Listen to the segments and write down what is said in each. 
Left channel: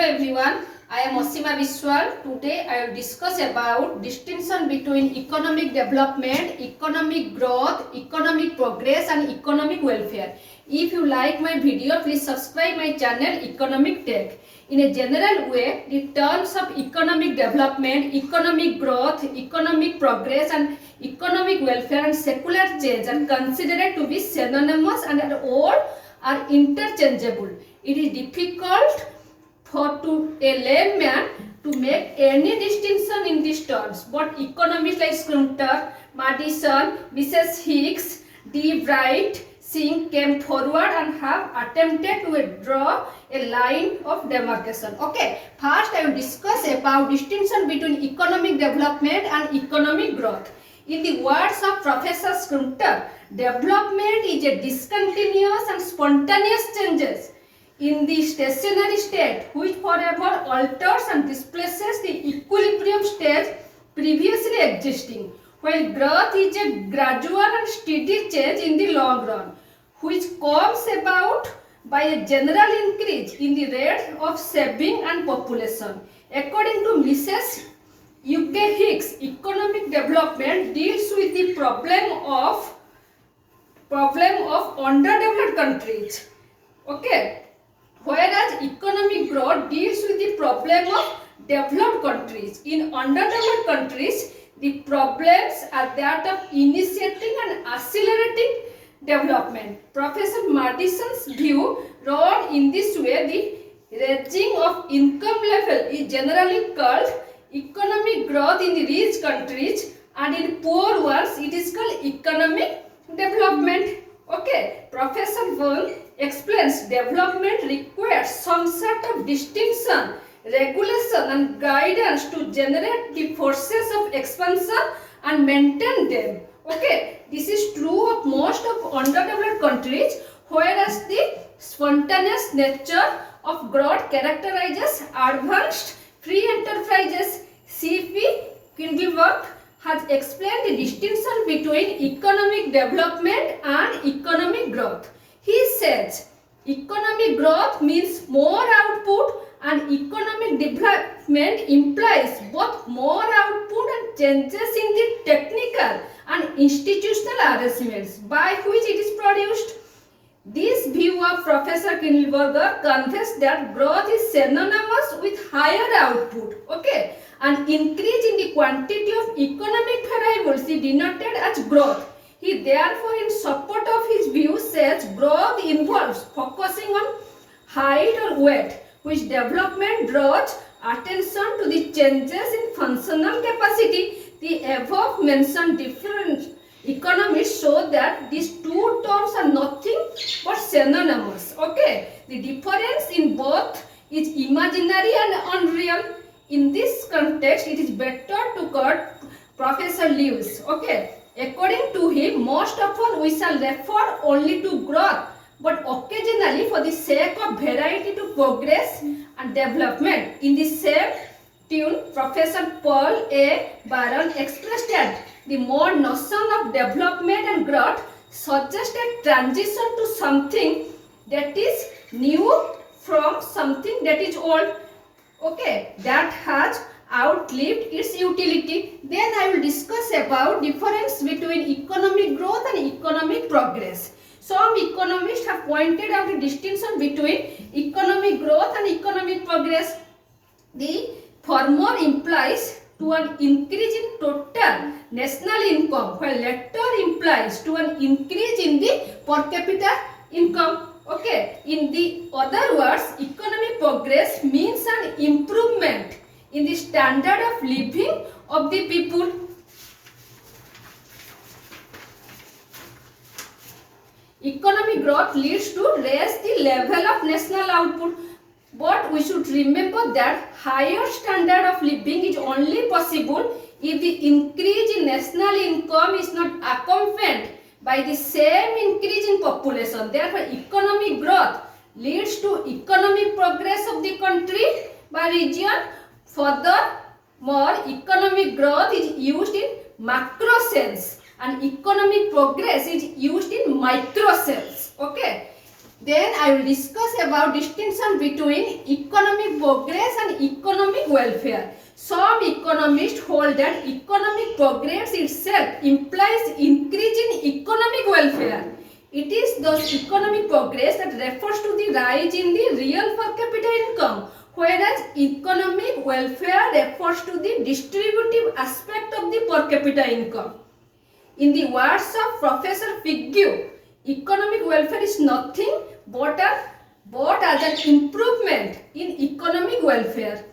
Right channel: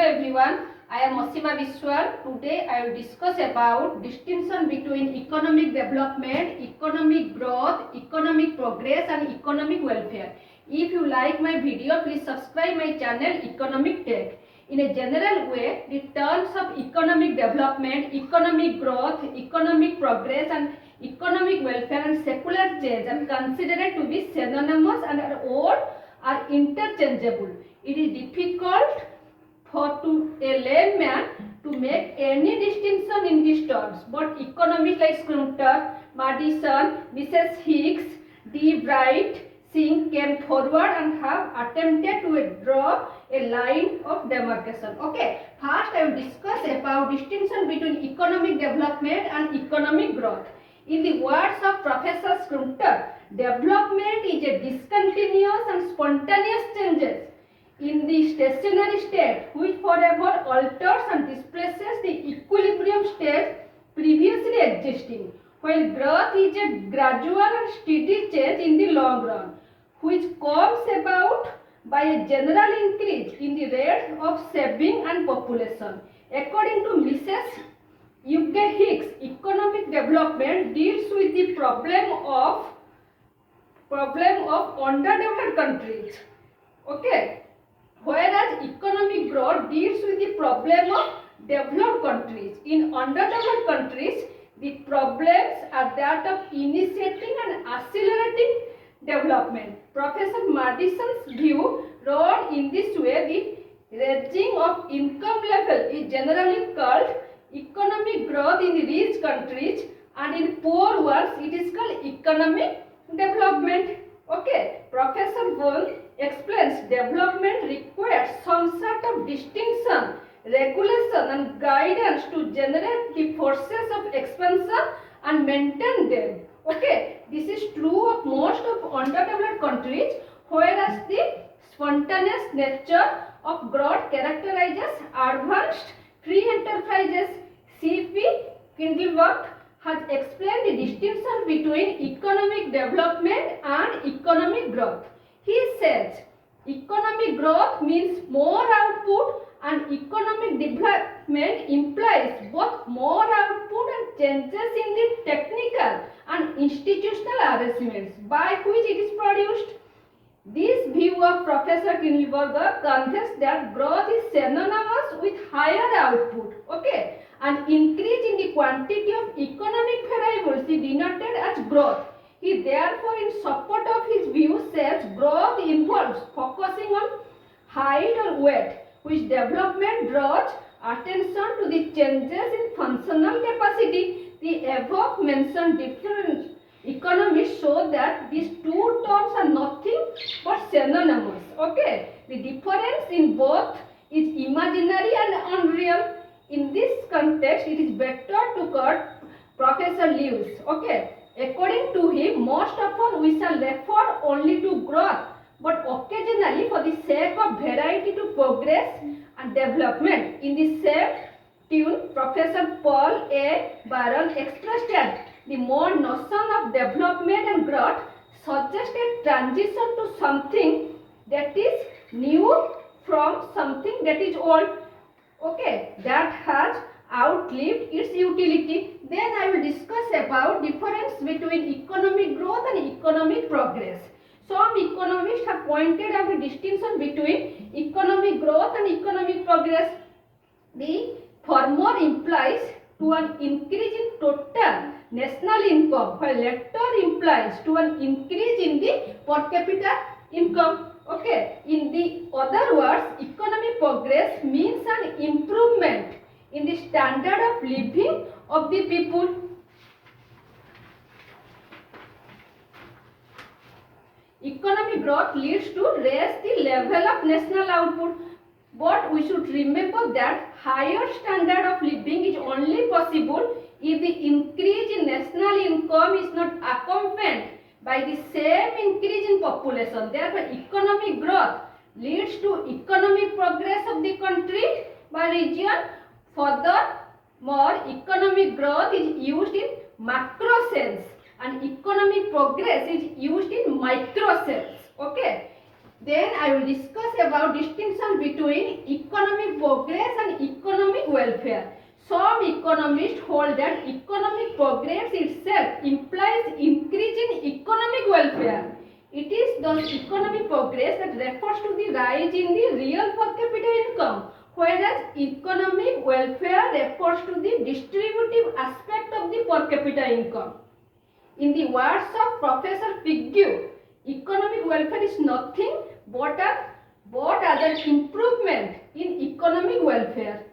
Hello everyone, I am Asima Biswal. Today I will discuss about distinction between economic development, economic growth, economic progress and economic welfare. If you like my video, please subscribe my channel Economic Tech. In a general way, the terms of economic development, economic growth, economic progress and economic welfare and secular change are considered to be synonymous and all are interchangeable. It is difficult for a layman to make any distinction in these terms, but economists like Schröter, Madison, Mrs. Hicks, D. Wright, Singh came forward and have attempted to draw a line of demarcation. Okay, first I will discuss about distinction between economic development and economic growth. In the words of Professor Schröter, development is a discontinuous and spontaneous changes in the stationary state which forever alters and displaces the equilibrium state previously existing, while growth is a gradual and steady change in the long run which comes about by a general increase in the rate of saving and population. According to Mrs. U.K. Hicks, economic development deals with the problem of underdeveloped countries. Okay. Whereas economic growth deals with the problem of developed countries. In underdeveloped countries, the problems are that of initiating and accelerating development. Professor Madison's view run in this way, the raising of income level is generally called economic growth in the rich countries, and in poor ones it is called economic development. Okay, Professor Wong explains development requires some sort of distinction, regulation and guidance to generate the forces of expansion and maintain them. Okay, this is true of most of underdeveloped countries, whereas the spontaneous nature of growth characterizes advanced free enterprises. C.P. Kindleworth has explained the distinction between economic development and economic growth. He says economic growth means more output and economic development implies both more output and changes in the technical and institutional arrangements by which it is produced. This view of Professor Kindleberger conveys that growth is synonymous with higher output, okay, and increase in the quantity of economic variables is denoted as growth. He therefore, in support of his view, says growth involves focusing on height or weight, which development draws attention to the changes in functional capacity. The above mentioned different economists show that these two terms are nothing but synonymous. Okay, the difference in both is imaginary and unreal. In this context, it is better to quote Professor Lewis. Okay, according to him, most often we shall refer only to growth, but occasionally for the sake of variety to progress and development. In the same tune, Professor Paul A. Barron expressed that the more notion of development and growth suggests a transition to something that is new from something that is old, okay, that has outlived its utility. Then I will discuss about difference between economic growth and economic progress. Some economists have pointed out a distinction between economic growth and economic progress. The former implies to an increase in total national income, while latter implies to an increase in the per capita income. Okay, in the other words, economic progress means an improvement in the standard of living of the people. Economic growth leads to raise the level of national output, but we should remember that higher standard of living is only possible if the increase in national income is not accompanied by the same increase in population. Therefore, economic growth leads to economic progress of the country by region. Furthermore, economic growth is used in macro sense and economic progress is used in micro sense. Okay. Then I will discuss about distinction between economic progress welfare. Some economists hold that economic progress itself implies increase in economic welfare. It is thus economic progress that refers to the rise in the real per capita income, whereas economic welfare refers to the distributive aspect of the per capita income. In the words of Professor Figue, economic welfare is nothing but as an improvement in economic welfare.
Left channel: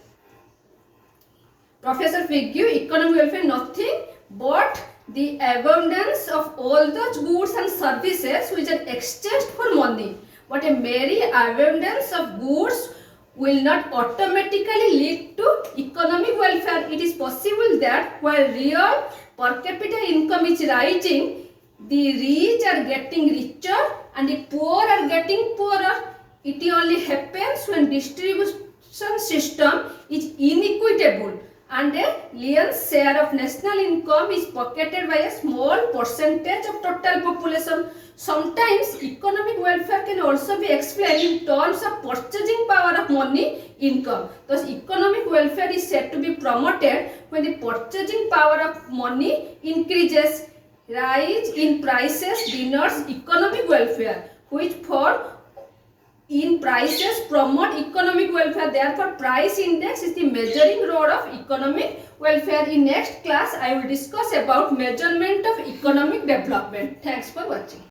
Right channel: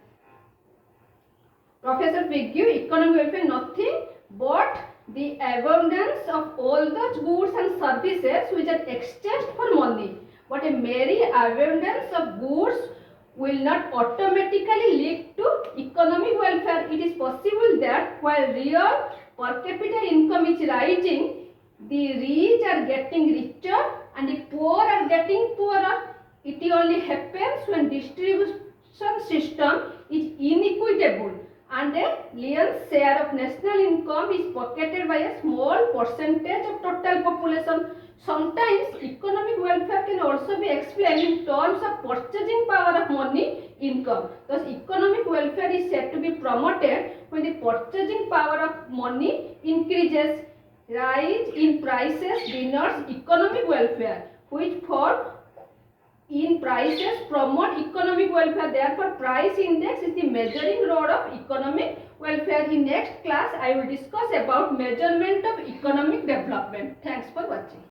Professor Figue, economic welfare nothing but the abundance of all those goods and services which are exchanged for money. But a mere abundance of goods will not automatically lead to economic welfare. It is possible that while real per capita income is rising, the rich are getting richer and the poor are getting poorer. It only happens when distribution system is inequitable and a lion's share of national income is pocketed by a small percentage of total population. Sometimes economic welfare can also be explained in terms of purchasing power of money income. Thus, economic welfare is said to be promoted when the purchasing power of money increases. Rise in prices denotes economic welfare, which for in prices promote economic welfare. Therefore, price index is the measuring rod of economic welfare. In next class, I will discuss about measurement of economic development. Thanks for watching.